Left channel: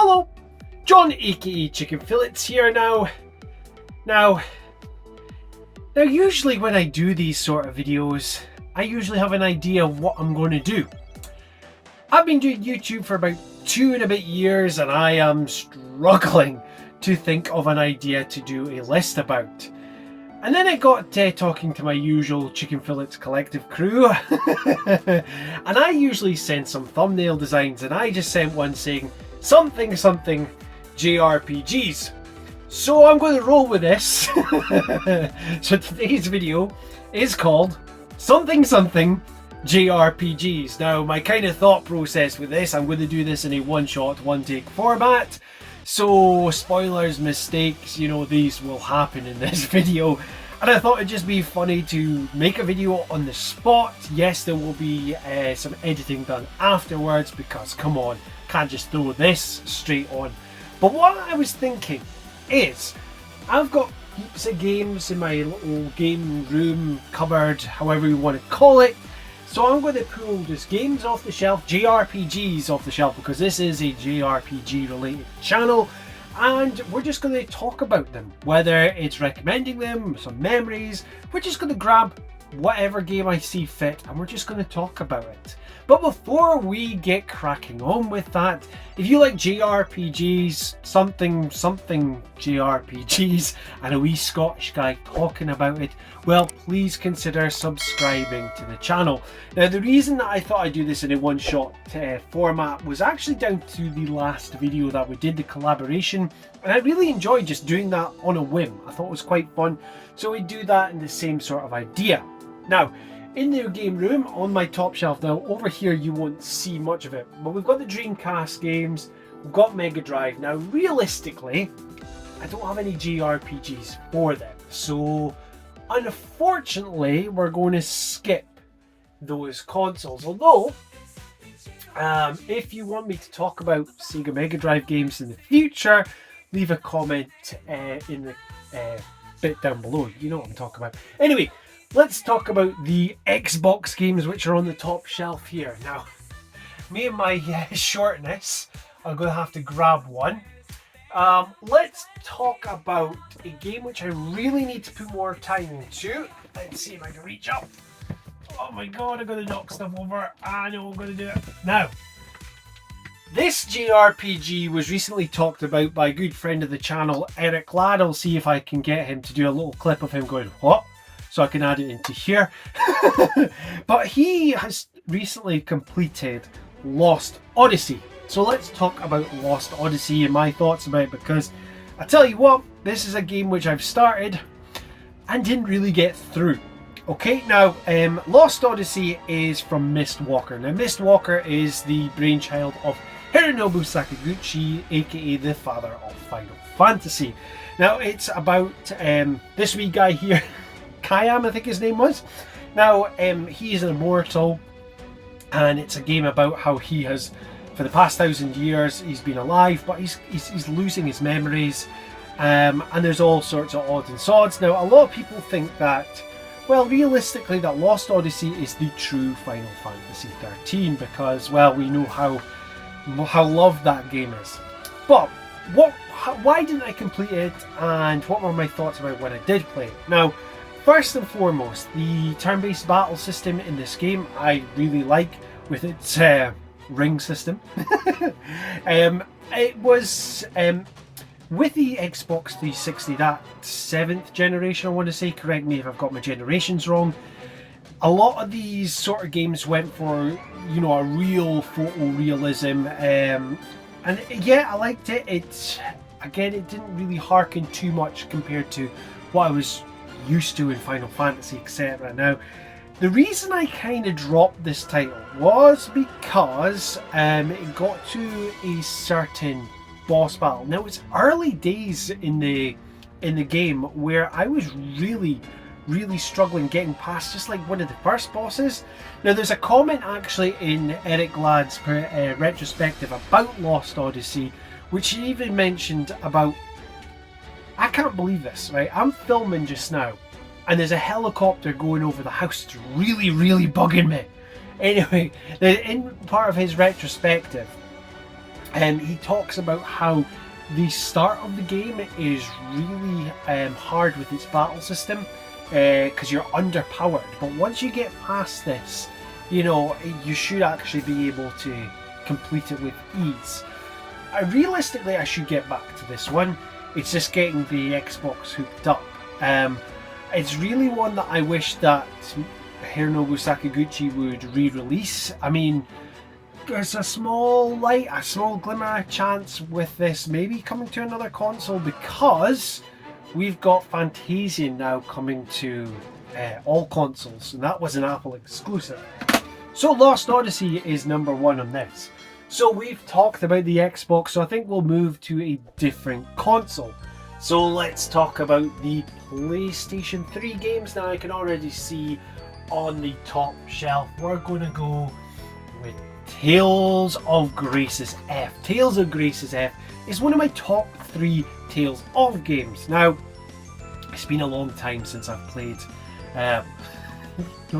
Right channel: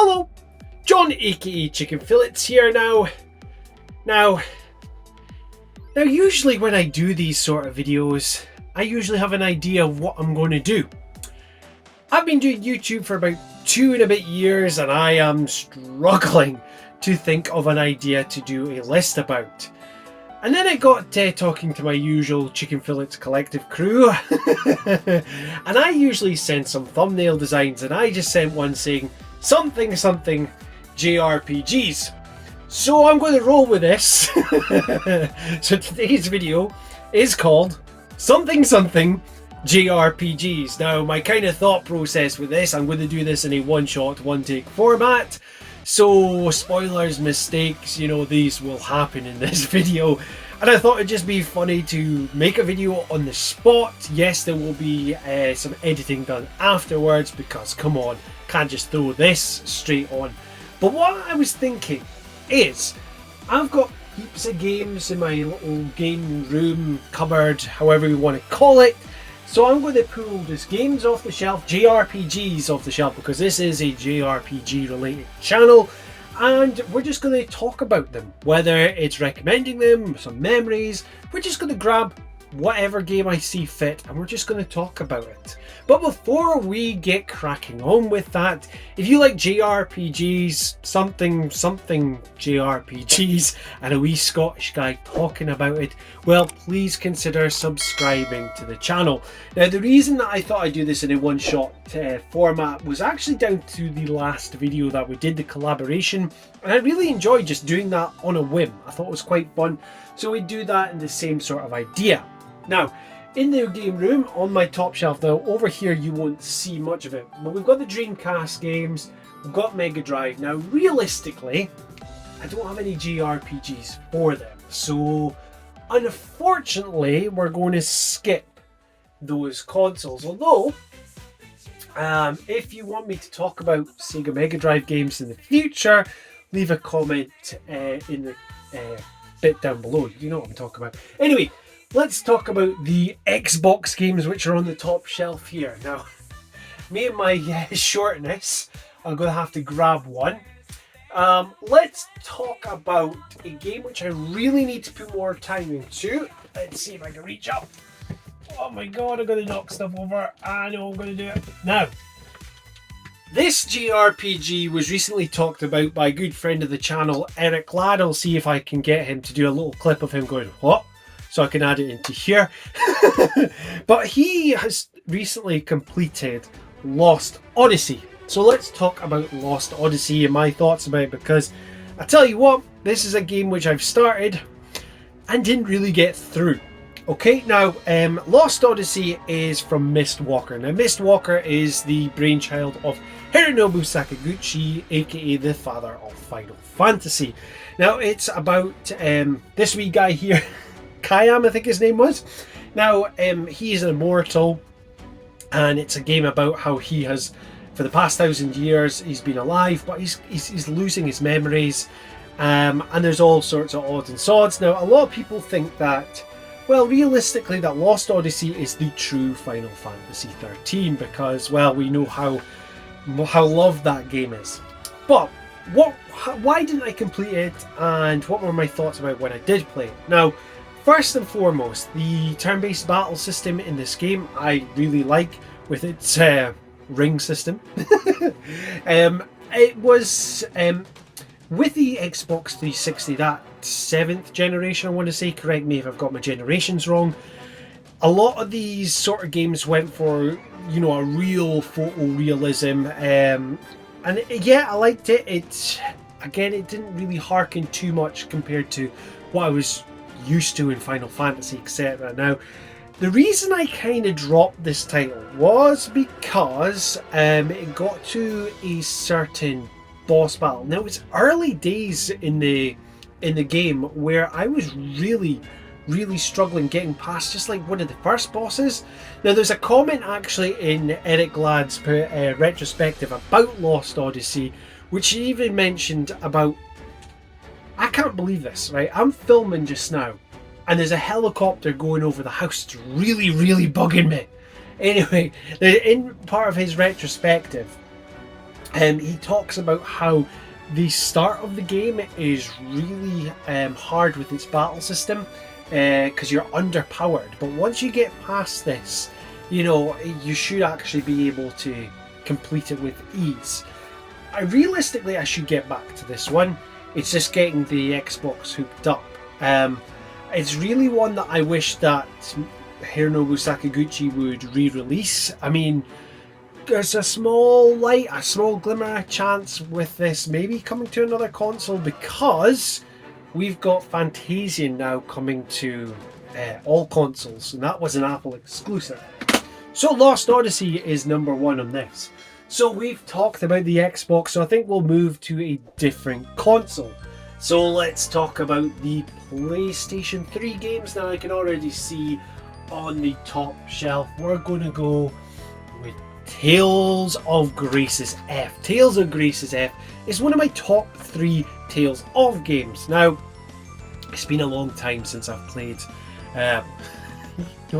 Hello, John aka Chicken Fillets here Now, usually when I do these sort of videos, I usually have an idea of what I'm going to do. I've been doing YouTube for about 2 and a bit years and I am struggling to think of an idea to do a list about. And then I got talking to my usual Chicken Fillets collective crew and I usually send some thumbnail designs, and I just sent one saying something JRPGs. So I'm going to roll with this. So today's video is called something JRPGs. Now my kind of thought process with this, I'm going to do this in a one-shot, one-take format. So spoilers, mistakes, these will happen in this video. And I thought it'd just be funny to make a video on the spot. Yes, there will be some editing done afterwards because, come on, can't just throw this straight on. But what I was thinking is, I've got heaps of games in my little game room, cupboard, however you want to call it. So I'm going to pull just games off the shelf, JRPGs off the shelf, because this is a JRPG related channel, and we're just going to talk about them, whether it's recommending them, some memories. We're just going to grab whatever game I see fit and we're just going to talk about it. But before we get cracking on with that, if you like JRPGs, something JRPGs, and a wee Scottish guy talking about it, well, please consider subscribing to the channel. Now, the reason that I thought I'd do this in a one-shot format was actually down to the last video that we did, the collaboration, and I really enjoyed just doing that on a whim. I thought it was quite fun, so we do that in the same sort of idea. Now, in the game room on my top shelf, now over here you won't see much of it, but we've got the Dreamcast games, we've got Mega Drive. Now realistically, I don't have any JRPGs for them, so unfortunately we're going to skip those consoles. Although if you want me to talk about Sega Mega Drive games in the future, leave a comment in the bit down below. You know what I'm talking about. Anyway, let's talk about the Xbox games which are on the top shelf here. Now, me and my shortness, I'm going to have to grab one. Let's talk about a game which I really need to put more time into. Let's see if I can reach up. Oh my god, I'm going to knock stuff over. I know I'm going to do it. Now, this JRPG was recently talked about by a good friend of the channel, Eric Ladd. I'll see if I can get him to do a little clip of him going, what? So I can add it into here. But he has recently completed Lost Odyssey. So let's talk about Lost Odyssey and my thoughts about it, because I tell you what, this is a game which I've started and didn't really get through. Okay, now Lost Odyssey is from Mistwalker. Now Mistwalker is the brainchild of Hironobu Sakaguchi, aka the father of Final Fantasy. Now it's about this wee guy here, Kayam, I think his name was. Now, he is an immortal, and it's a game about how he has, for the past 1,000 years, he's been alive, but he's losing his memories, and there's all sorts of odds and sods. Now, a lot of people think that, well, realistically, that Lost Odyssey is the true Final Fantasy 13, because, well, we know how loved that game is. But why didn't I complete it, and what were my thoughts about when I did play it? Now, first and foremost, the turn-based battle system in this game I really like, with its ring system. It was with the Xbox 360, that 7th generation, I want to say, correct me if I've got my generations wrong. A lot of these sort of games went for, a real photorealism, and yeah, I liked it. It didn't really harken too much compared to what I was used to in Final Fantasy, etc. Now, the reason I kind of dropped this title was because it got to a certain boss battle. Now, it's early days in the game where I was really struggling getting past just like one of the first bosses. Now, there's a comment actually in Eric Ladd's retrospective about Lost Odyssey, which he even mentioned about, I can't believe this, right? I'm filming just now and there's a helicopter going over the house. It's really bugging me. Anyway, in part of his retrospective, He talks about how the start of the game is really hard with its battle system because you're underpowered. But once you get past this, you know, you should actually be able to complete it with ease. Realistically, I should get back to this one. It's just getting the Xbox hooked up. It's really one that I wish that Hironobu Sakaguchi would re-release. I mean, there's a small light, a small glimmer of chance with this maybe coming to another console, because we've got Fantasian now coming to all consoles, and that was an Apple exclusive. So Lost Odyssey is number 1 on this. So we've talked about the Xbox, so I think we'll move to a different console. So let's talk about the PlayStation 3 games. Now I can already see on the top shelf, we're going to go with Tales of Grace's F. Tales of Grace's F is one of my top 3 Tales of games. Now, it's been a long time since I've played. It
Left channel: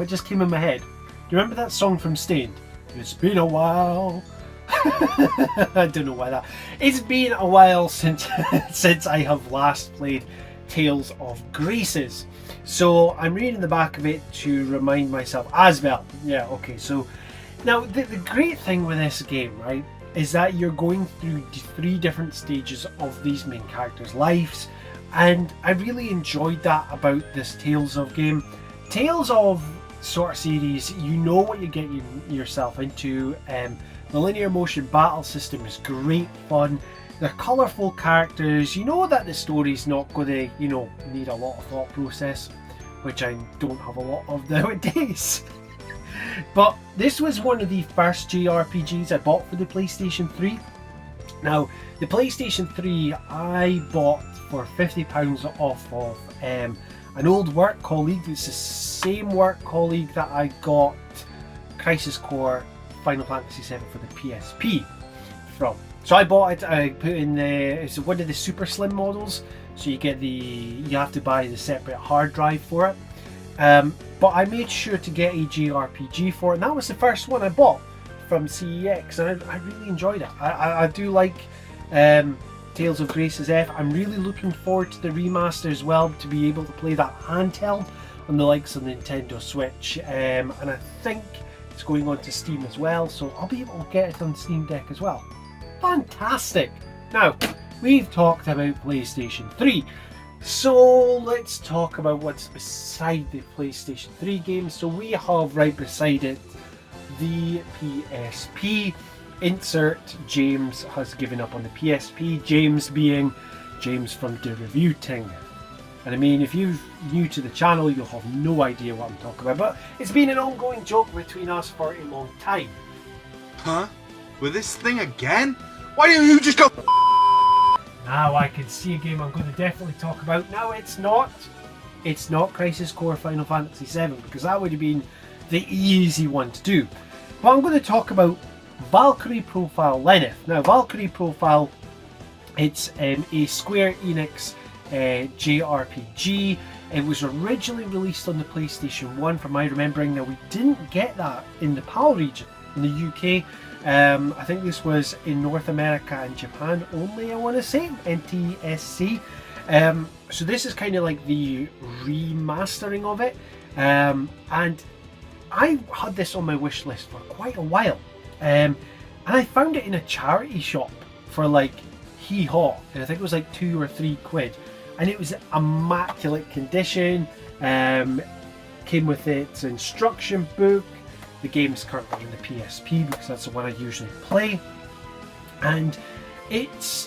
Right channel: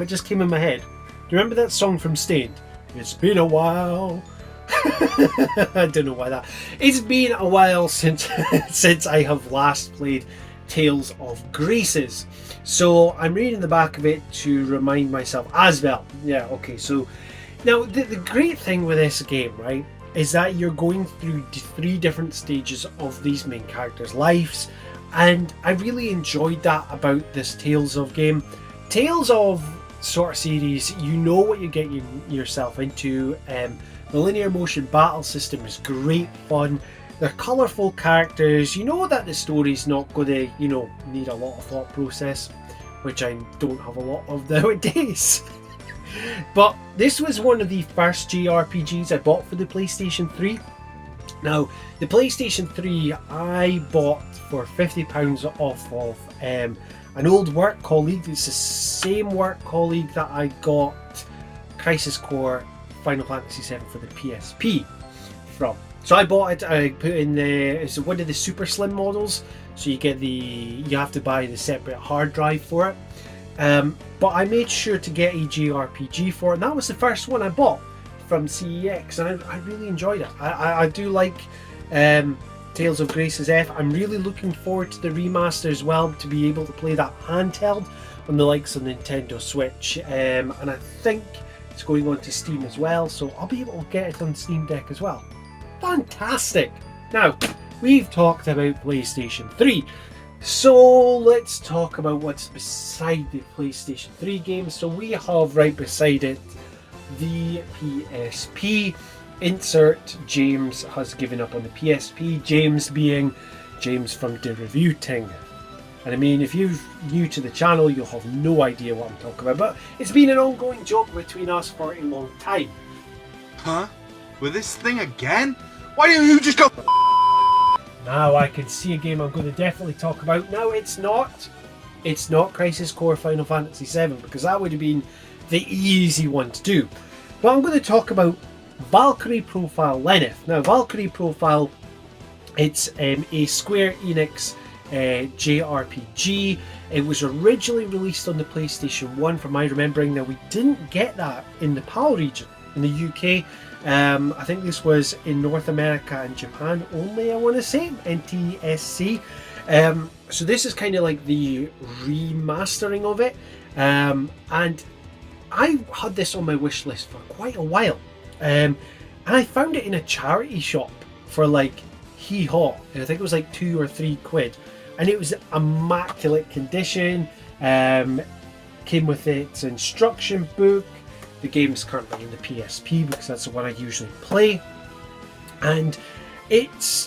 just came in my head. Do you remember that song from Stained? It's been a while. I don't know why that. It's been a while since since I have last played Tales of Grace's. So I'm reading the back of it to remind myself as well. Yeah, okay, so now the great thing with this game, right, is that you're going through 3 different stages of these main characters' lives, and I really enjoyed that about this Tales of game. Tales of sort of series, you know what you're getting yourself into. The linear motion battle system is great fun. They're colourful characters. You know that the story's not going to, you know, need a lot of thought process, which I don't have a lot of nowadays. But this was one of the first JRPGs I bought for the PlayStation 3. Now, the PlayStation 3 I bought for £50 off of an old work colleague. It's the same work colleague that I got Crisis Core Final Fantasy VII for the PSP from. So I bought it. I put in it's one of the super slim models. So you have to buy the separate hard drive for it. But I made sure to get a JRPG for it, and that was the first one I bought from CEX, and I really enjoyed it. I do like Tales of Grace's F. I'm really looking forward to the remaster as well, to be able to play that handheld on the likes of Nintendo Switch, and I think it's going on to Steam as well, so I'll be able to get it on Steam Deck as well. Fantastic! Now, we've talked about PlayStation 3, so let's talk about what's beside the PlayStation 3 games. So we have right beside it the PSP. Insert James has given up on the PSP. James being James from the Review Ting. And I mean, if you're new to the channel, you'll have no idea what I'm talking about, but it's been an ongoing joke between us for a long time. Huh? With this thing again? Why didn't you just go? Now I can see a game I'm going to definitely talk about. Now it's not Crisis Core Final Fantasy VII, because that would have been the easy one to do. But I'm going to talk about Valkyrie Profile Lenneth. Now Valkyrie Profile, it's a Square Enix JRPG. It was originally released on the PlayStation 1 from my remembering. Now we didn't get that in the PAL region in the UK. I think this was in North America and Japan only, I want to say, NTSC. So this is kind of like the remastering of it, and I had this on my wish list for quite a while, and I found it in a charity shop for like hee-haw, and I think it was like £2 or £3, and it was immaculate condition. Came with its instruction book. The game is currently in the PSP because that's the one I usually play, and it's,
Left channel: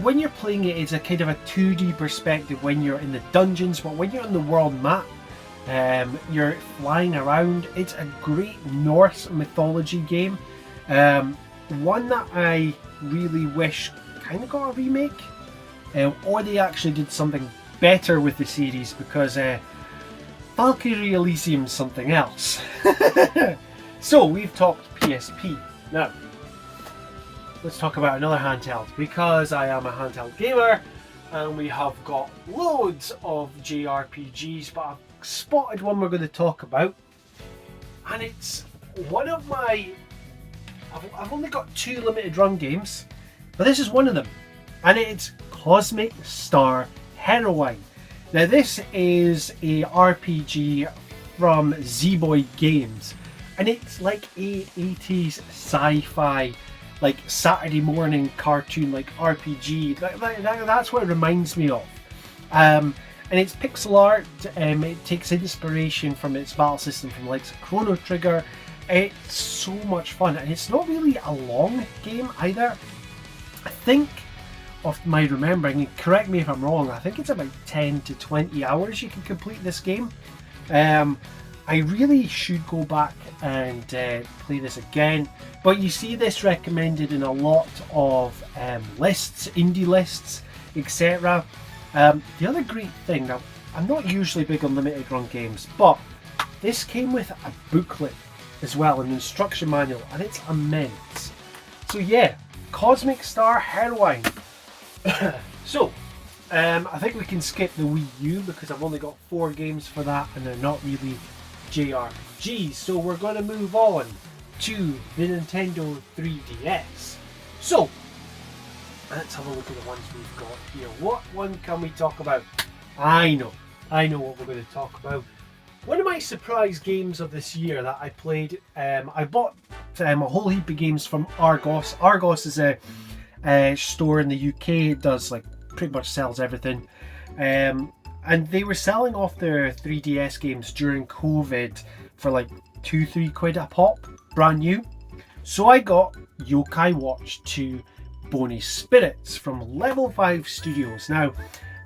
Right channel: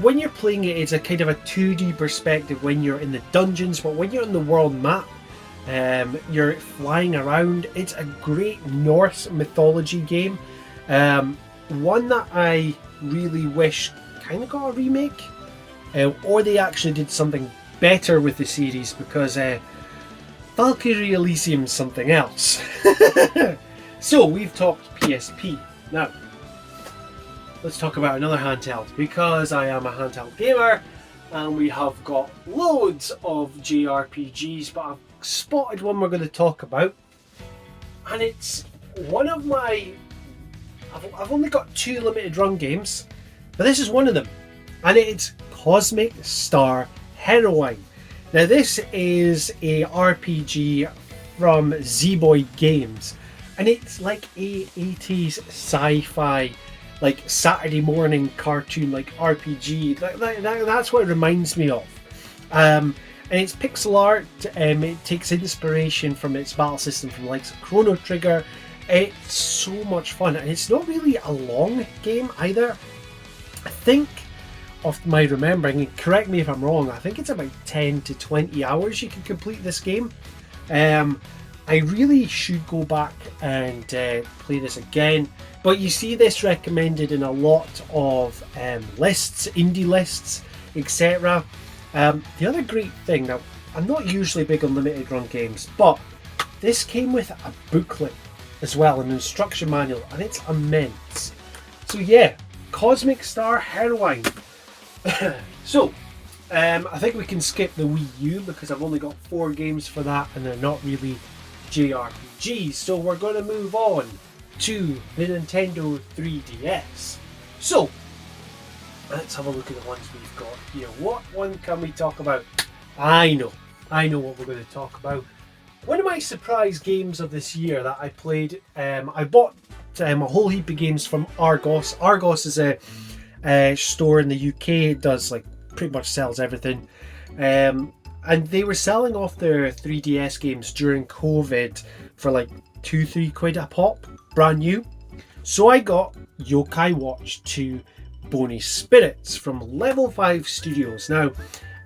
when you're playing it, it's a kind of a 2D perspective when you're in the dungeons, but when you're on the world map, you're flying around. It's a great Norse mythology game, one that I really wish kind of got a remake, or they actually did something better with the series, because Valkyrie Elysium's something else. So we've talked PSP. Now let's talk about another handheld, because I am a handheld gamer and we have got loads of JRPGs, but I've spotted one we're going to talk about, and it's one of my I've only got 2 limited run games, but this is one of them, and it's Cosmic Star Heroine. Now this is a RPG from Z-Boy Games, and it's like a 80s sci-fi, like Saturday morning cartoon, like RPG. That's what it reminds me of. And it's pixel art. It takes inspiration from its battle system from like Chrono Trigger. It's so much fun, and it's not really a long game either. I think, of my remembering, and correct me if I'm wrong, I think it's about 10 to 20 hours you can complete this game. I really should go back and play this again, but you see this recommended in a lot of lists, indie lists, etc. The other great thing, now I'm not usually big on limited run games, but this came with a booklet as well, an instruction manual, and it's immense. So yeah, Cosmic Star Heroine. So, I think we can skip the Wii U because I've only got 4 games for that, and they're not really JRPGs. So we're going to move on to the Nintendo 3DS. So, let's have a look at the ones we've got here. What one can we talk about? I know what we're going to talk about. One of my surprise games of this year that I played, I bought a whole heap of games from Argos. Argos is a store in the UK. It does like pretty much sells everything, and they were selling off their 3DS games during COVID for like 2-3 quid a pop, brand new. So I got Yokai Watch 2 Bonus Spirits from Level 5 Studios. Now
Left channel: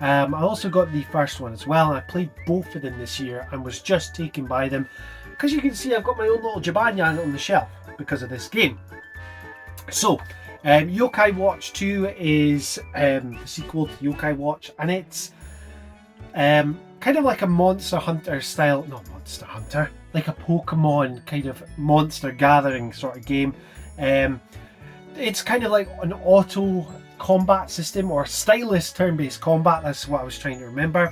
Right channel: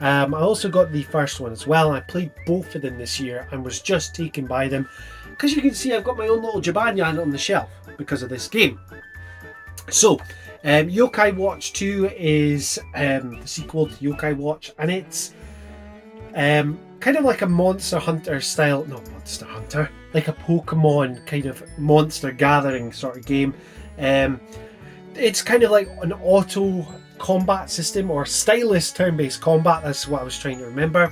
I also got the first one as well, and I played both of them this year and was just taken by them because you can see I've got my own little Jabanyan on the shelf because of this game. So Yokai Watch 2 is the sequel to Yokai Watch, and it's kind of like a Monster Hunter style, not Monster Hunter, like a Pokemon kind of monster gathering sort of game. It's kind of like an auto combat system or stylus turn-based combat. That's what I was trying to remember.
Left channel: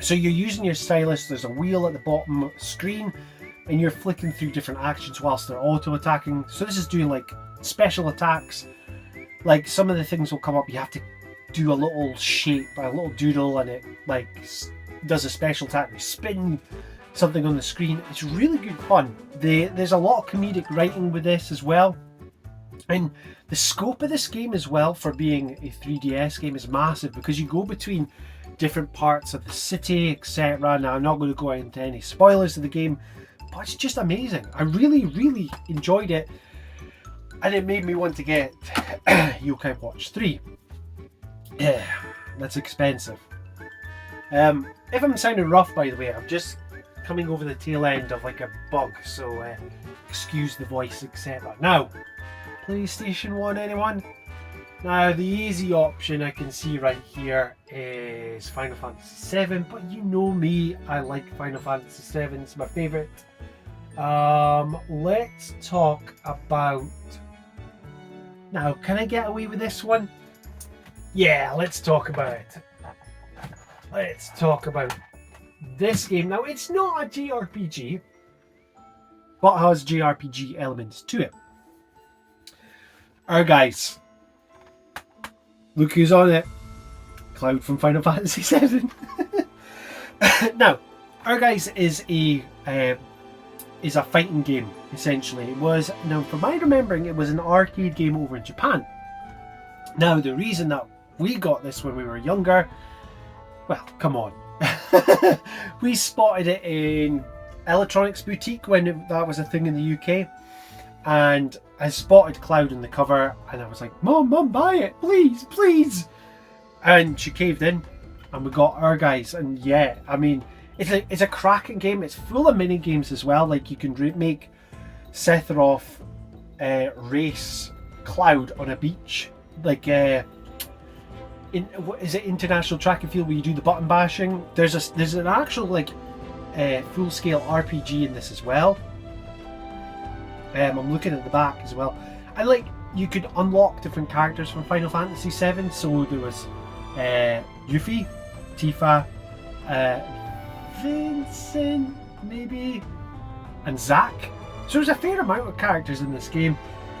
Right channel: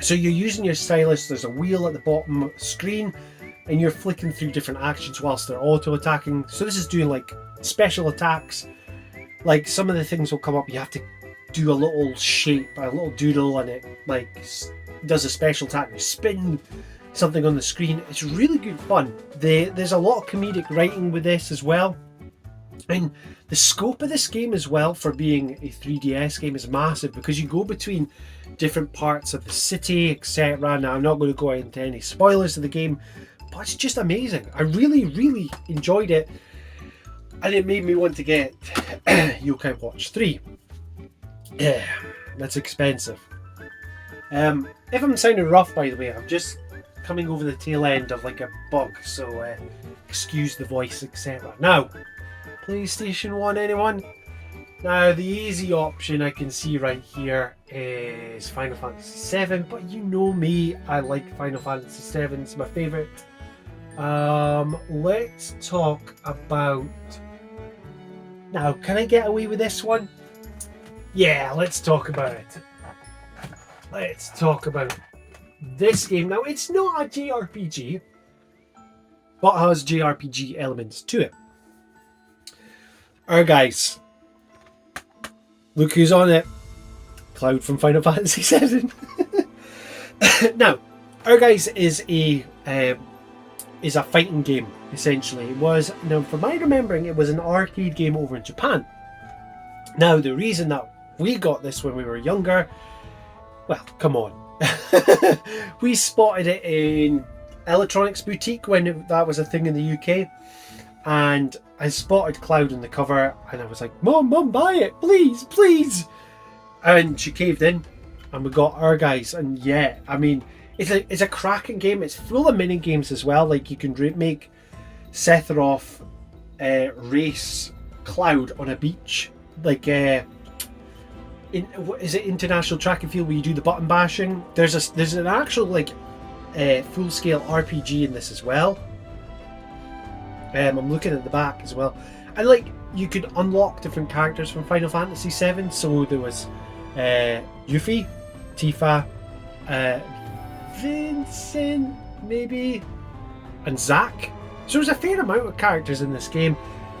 So you're using your stylus, there's a wheel at the bottom of the screen, and you're flicking through different actions whilst they're auto attacking. So this is doing like special attacks. Like some of the things will come up, you have to do a little shape, a little doodle, and it like does a special attack. You spin something on the screen. It's really good fun. There's a lot of comedic writing with this as well, and the scope of this game as well for being a 3DS game is massive because you go between different parts of the city, etc. Now I'm not going to go into any spoilers of the game, but it's just amazing. I really enjoyed it, and it made me want to get Yokai Watch 3. Yeah, that's expensive. If I'm sounding rough, by the way, I'm just coming over the tail end of like a bug, so excuse the voice, etc. Now, PlayStation 1, anyone? Now, the easy option I can see right here is Final Fantasy VII, but you know me, I like Final Fantasy VII, it's my favourite. Let's talk about... Now, can I get away with this one? Yeah, let's talk about it. Let's talk about this game. Now, it's not a JRPG, but has JRPG elements to it. Guys, look who's on it. Cloud from Final Fantasy VII. Now, Guys is a fighting game, essentially. It was, now from my remembering, it was an arcade game over in Japan. Now, the reason that we got this when we were younger, well, come on. We spotted it in Electronics Boutique when that was a thing in the UK, and I spotted Cloud on the cover, and I was like, Mom, buy it, please. And she caved in, and we got Guys, and yeah, I mean, it's a cracking game. It's full of mini games as well. Like you can make Sephiroth race Cloud on a beach, like what is it, International Track and Field, where you do the button bashing. There's an actual like full scale RPG in this as well. I'm looking at the back as well, and like you could unlock different characters from Final Fantasy VII. So there was Yuffie, Tifa, Vincent maybe, and Zack. So there's a fair amount of characters in this game.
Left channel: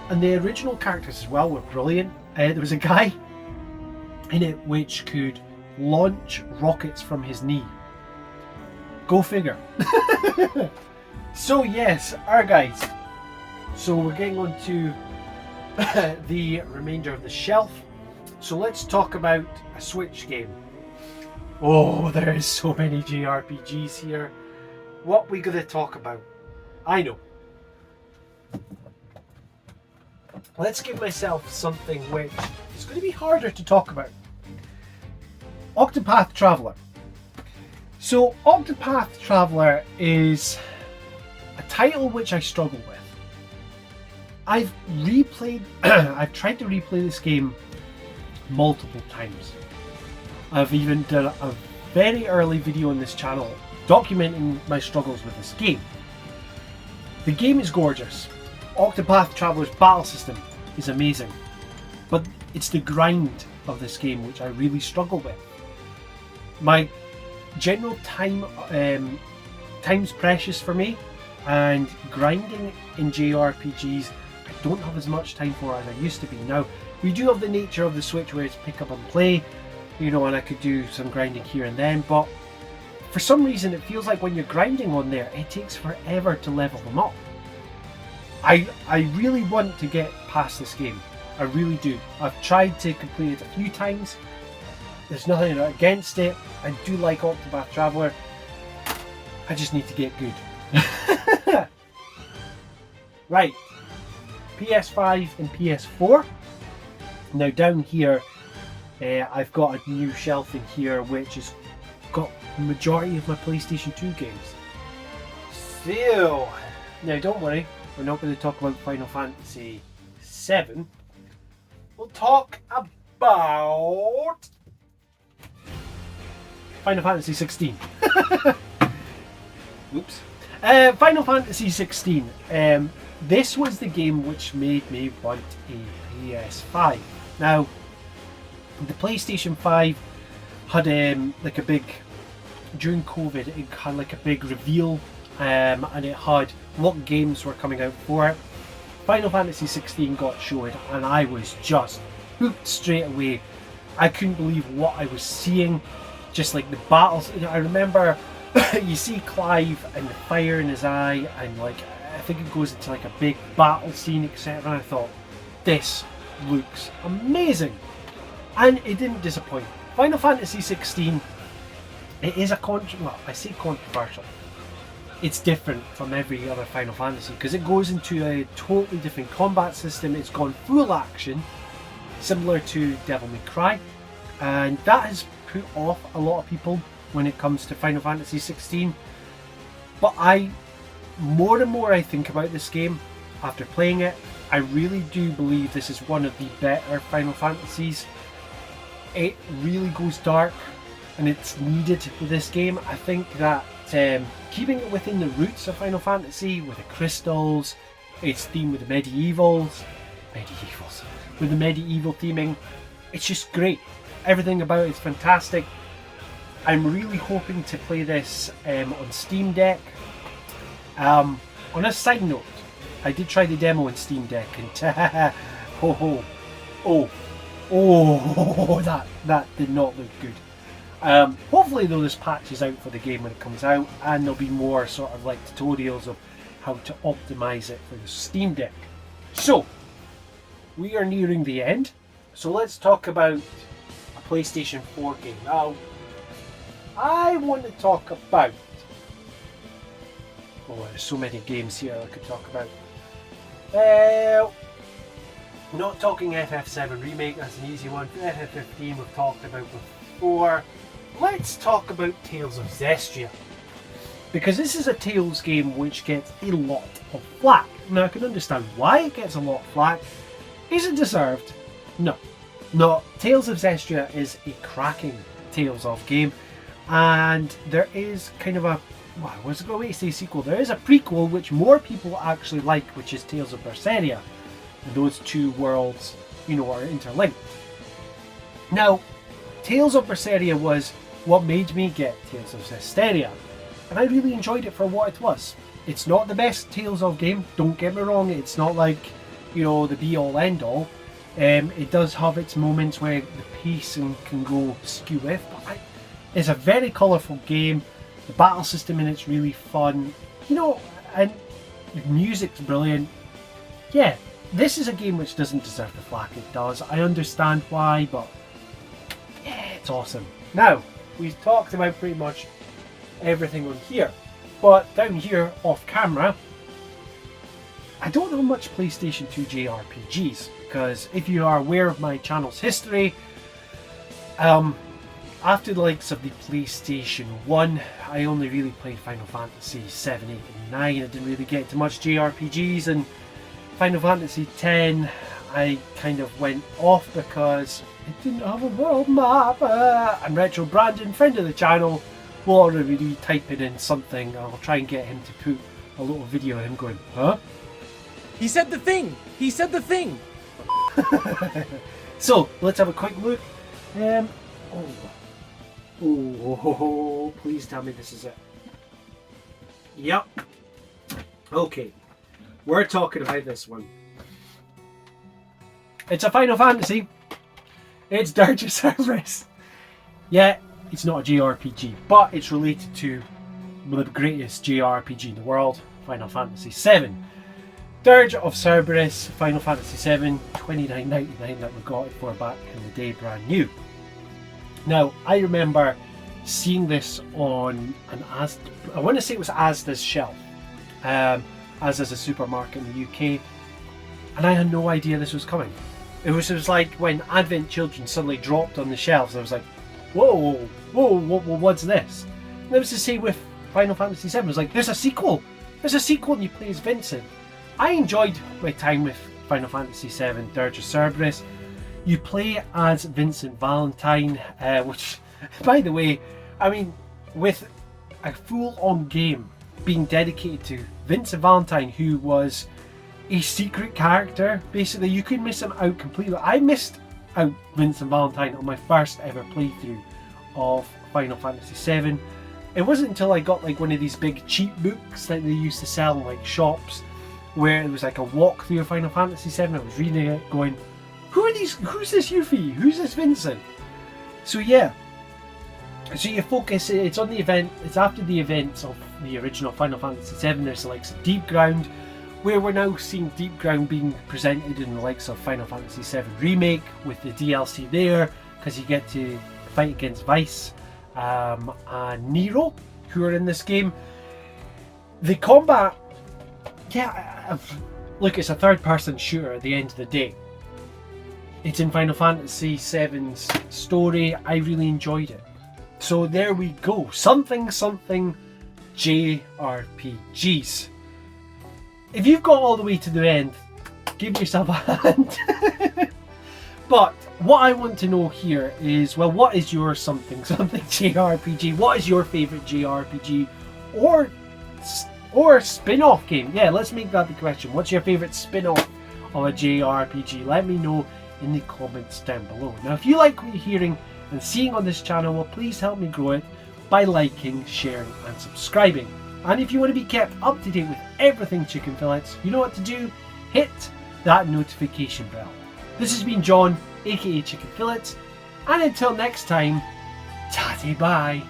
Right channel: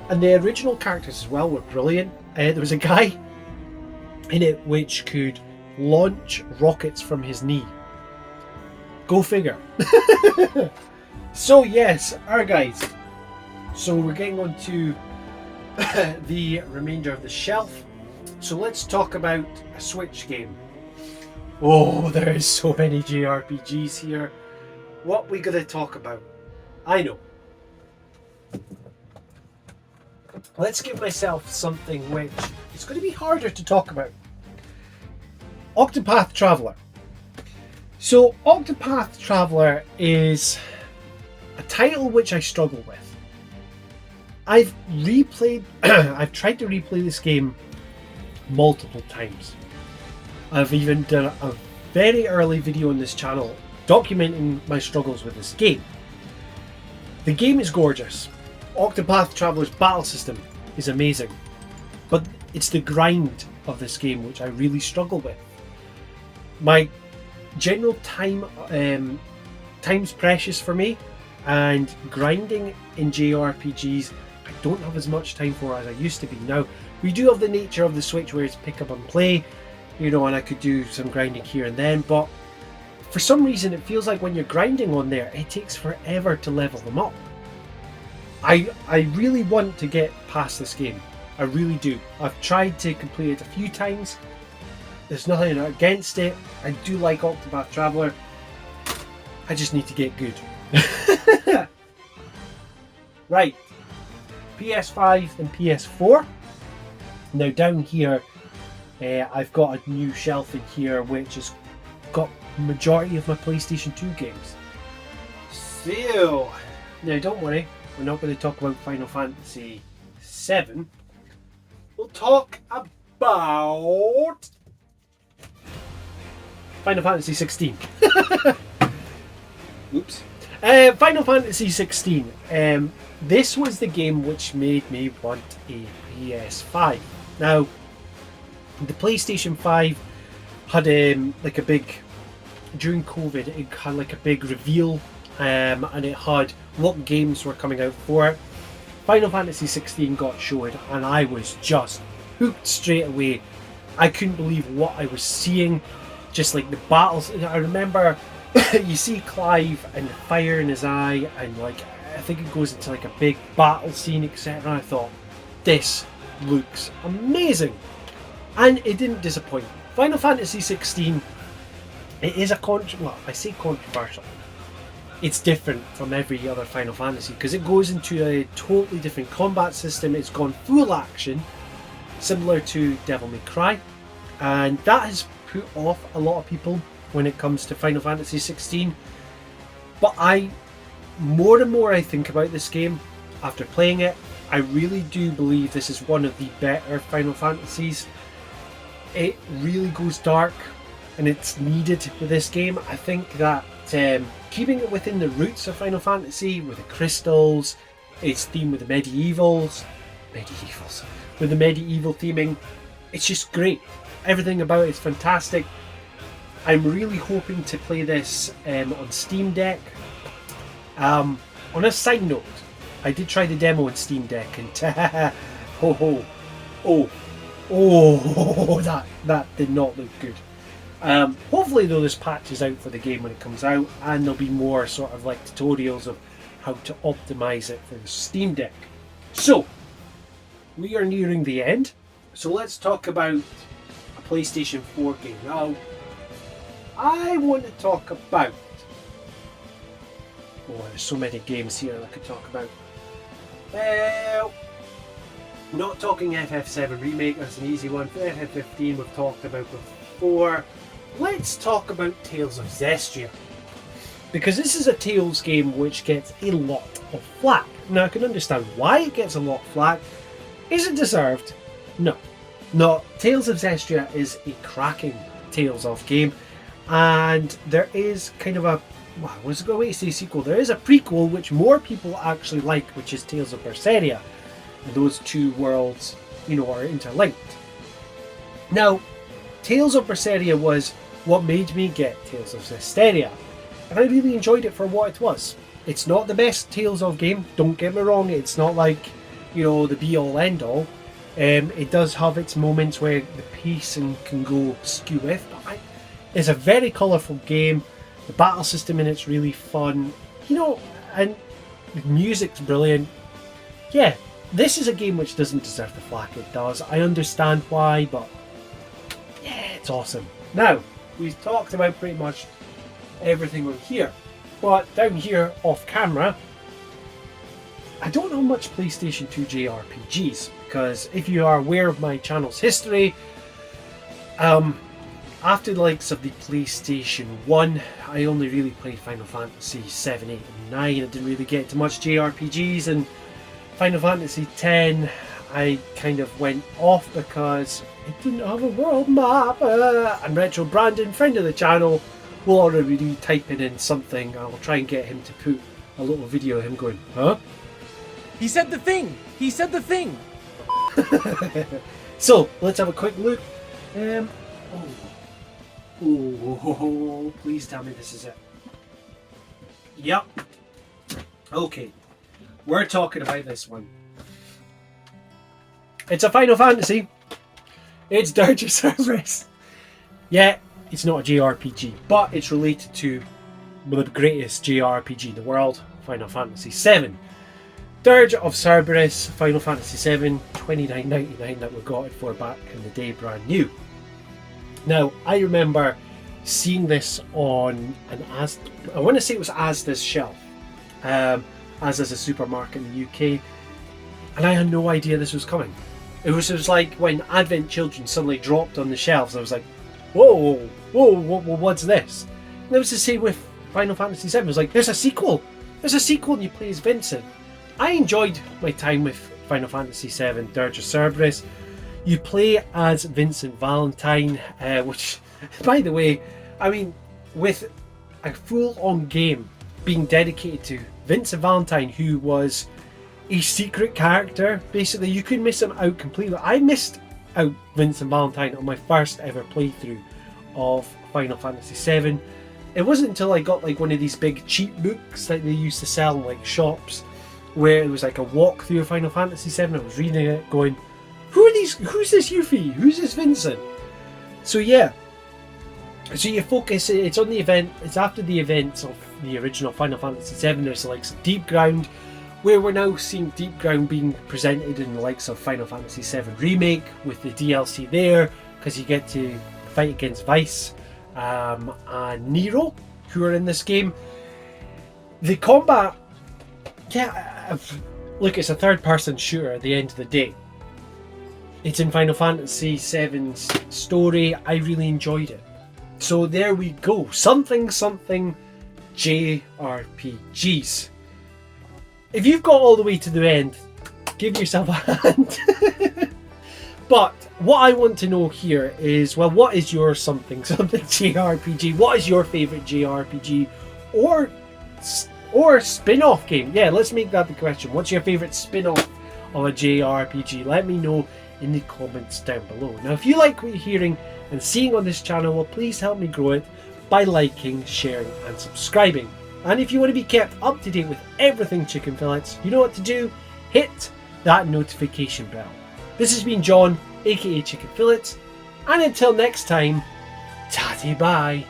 And the original characters as well were brilliant. There was a guy in it which could launch rockets from his knee. Go figure. So yes, our guys. So we're getting on to the remainder of the shelf. So let's talk about a Switch game. Oh, there is so many JRPGs here. What we gonna talk about? I know. Let's give myself something which is going to be harder to talk about. Octopath Traveler. So Octopath Traveler is a title which I struggle with. I've tried to replay this game multiple times. I've even done a very early video on this channel documenting my struggles with this game. The game is gorgeous. Octopath Traveler's battle system is amazing, but it's the grind of this game which I really struggle with. My general time's precious for me, and grinding in JRPGs I don't have as much time for as I used to be. Now, we do have the nature of the Switch where it's pick up and play, you know, and I could do some grinding here and then, but for some reason it feels like when you're grinding on there, it takes forever to level them up. I really want to get past this game. I really do. I've tried to complete it a few times. There's nothing against it. I do like Octopath Traveler. I just need to get good. Right. PS5 and PS4. Now down here, I've got a new shelf in here which has got the majority of my PlayStation 2 games. So, now don't worry. We're not going to talk about Final Fantasy VII. We'll talk about Final Fantasy 16. Oops. Final Fantasy 16. This was the game which made me want a PS5. Now, the PlayStation 5 had like a big, during COVID, it had like a big reveal. And it had what games were coming out for it. Final Fantasy 16 got shown and I was just hooked straight away. I couldn't believe what I was seeing. Just like the battles. I remember you see Clive and the fire in his eye, and like I think it goes into like a big battle scene, etc. And I thought, this looks amazing. And it didn't disappoint. Final Fantasy 16, it is I say controversial. It's different from every other Final Fantasy because it goes into a totally different combat system. It's gone full action, similar to Devil May Cry, and that has put off a lot of people when it comes to Final Fantasy 16. But more and more I think about this game after playing it, I really do believe this is one of the better Final Fantasies. It really goes dark, and it's needed with this game. I think that keeping it within the roots of Final Fantasy with the crystals, its theme with the medievals, with the medieval theming, it's just great. Everything about it's fantastic. I'm really hoping to play this on Steam Deck. On a side note, I did try the demo on Steam Deck and that did not look good. Hopefully though, this patch is out for the game when it comes out, and there'll be more sort of like tutorials of how to optimize it for the Steam Deck. So we are nearing the end, so let's talk about a PlayStation 4 game. Now I want to talk about, there's so many games here I could talk about. Well, not talking FF7 remake, that's an easy one. FF15 we've talked about before. Let's talk about Tales of Zestiria, because this is a Tales game which gets a lot of flack. Now I can understand why it gets a lot of flack. Is it deserved? No. Tales of Zestiria is a cracking Tales of game, and there is kind of a, I was going to say sequel, there is a prequel which more people actually like, which is Tales of Berseria, and those two worlds, are interlinked. Now, Tales of Berseria was what made me get Tales of Zestiria, and I really enjoyed it for what it was. It's not the best Tales of game, don't get me wrong. It's not like, you know, the be all end all. It does have its moments where the pacing can go skew with, but it's a very colourful game. The battle system in it's really fun, you know, and the music's brilliant. Yeah, this is a game which doesn't deserve the flack it does. I understand why, but yeah, it's awesome. Now, we've talked about pretty much everything on here, but down here off camera, I don't know much PlayStation 2 JRPGs, because if you are aware of my channel's history, after the likes of the PlayStation 1, I only really played Final Fantasy 7, 8 and 9. I didn't really get to much JRPGs, and Final Fantasy 10 I kind of went off because it didn't have a world map. And Retro Brandon, friend of the channel, will already be typing in something. I'll try and get him to put a little video of him going, huh? He said the thing! He said the thing! So, let's have a quick look. Oh, please tell me this is it. Yep. Okay. We're talking about this one. It's a Final Fantasy. It's Dirge of Cerberus. Yeah, it's not a JRPG, but it's related to the greatest JRPG in the world, Final Fantasy VII. Dirge of Cerberus, Final Fantasy VII, $29.99 that we got it for back in the day, brand new. Now, I remember seeing this on an I want to say it was Asda's shelf. Asda's a supermarket in the UK, and I had no idea this was coming. It was like when Advent Children suddenly dropped on the shelves. I was like, whoa, what's this? And it was the same with Final Fantasy VII. It was like, there's a sequel, and you play as Vincent. I enjoyed my time with Final Fantasy VII Dirge of Cerberus. You play as Vincent Valentine, which, by the way, I mean, with a full-on game being dedicated to Vincent Valentine, who was a secret character, basically, you could miss him out completely. I missed out Vincent Valentine on my first ever playthrough of Final Fantasy VII. It wasn't until I got like one of these big cheap books that they used to sell in like shops, where it was like a walkthrough of Final Fantasy VII. I was reading it going, who's this Yuffie? Who's this Vincent? So yeah. So you focus, it's on the event, it's after the events of the original Final Fantasy VII. There's the likes of Deep Ground, where we're now seeing Deep Ground being presented in the likes of Final Fantasy VII Remake with the DLC there, because you get to fight against Vice and Nero, who are in this game. The combat, yeah, look, it's a third-person shooter at the end of the day. It's in Final Fantasy VII's story. I really enjoyed it. So there we go. Something JRPGs. If you've got all the way to the end, give yourself a hand. But what I want to know here is, well, what is your something JRPG? What is your favourite JRPG or spin-off game? Yeah, let's make that the question. What's your favourite spin-off of a JRPG? Let me know in the comments down below. Now, if you like what you're hearing and seeing on this channel, well, please help me grow it by liking, sharing and subscribing. And if you want to be kept up to date with everything Chicken Fillets, you know what to do. Hit that notification bell. This has been John, aka Chicken Fillets, and until next time, tatty bye.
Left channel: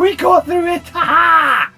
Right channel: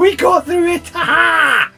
We got through it! Ha ha!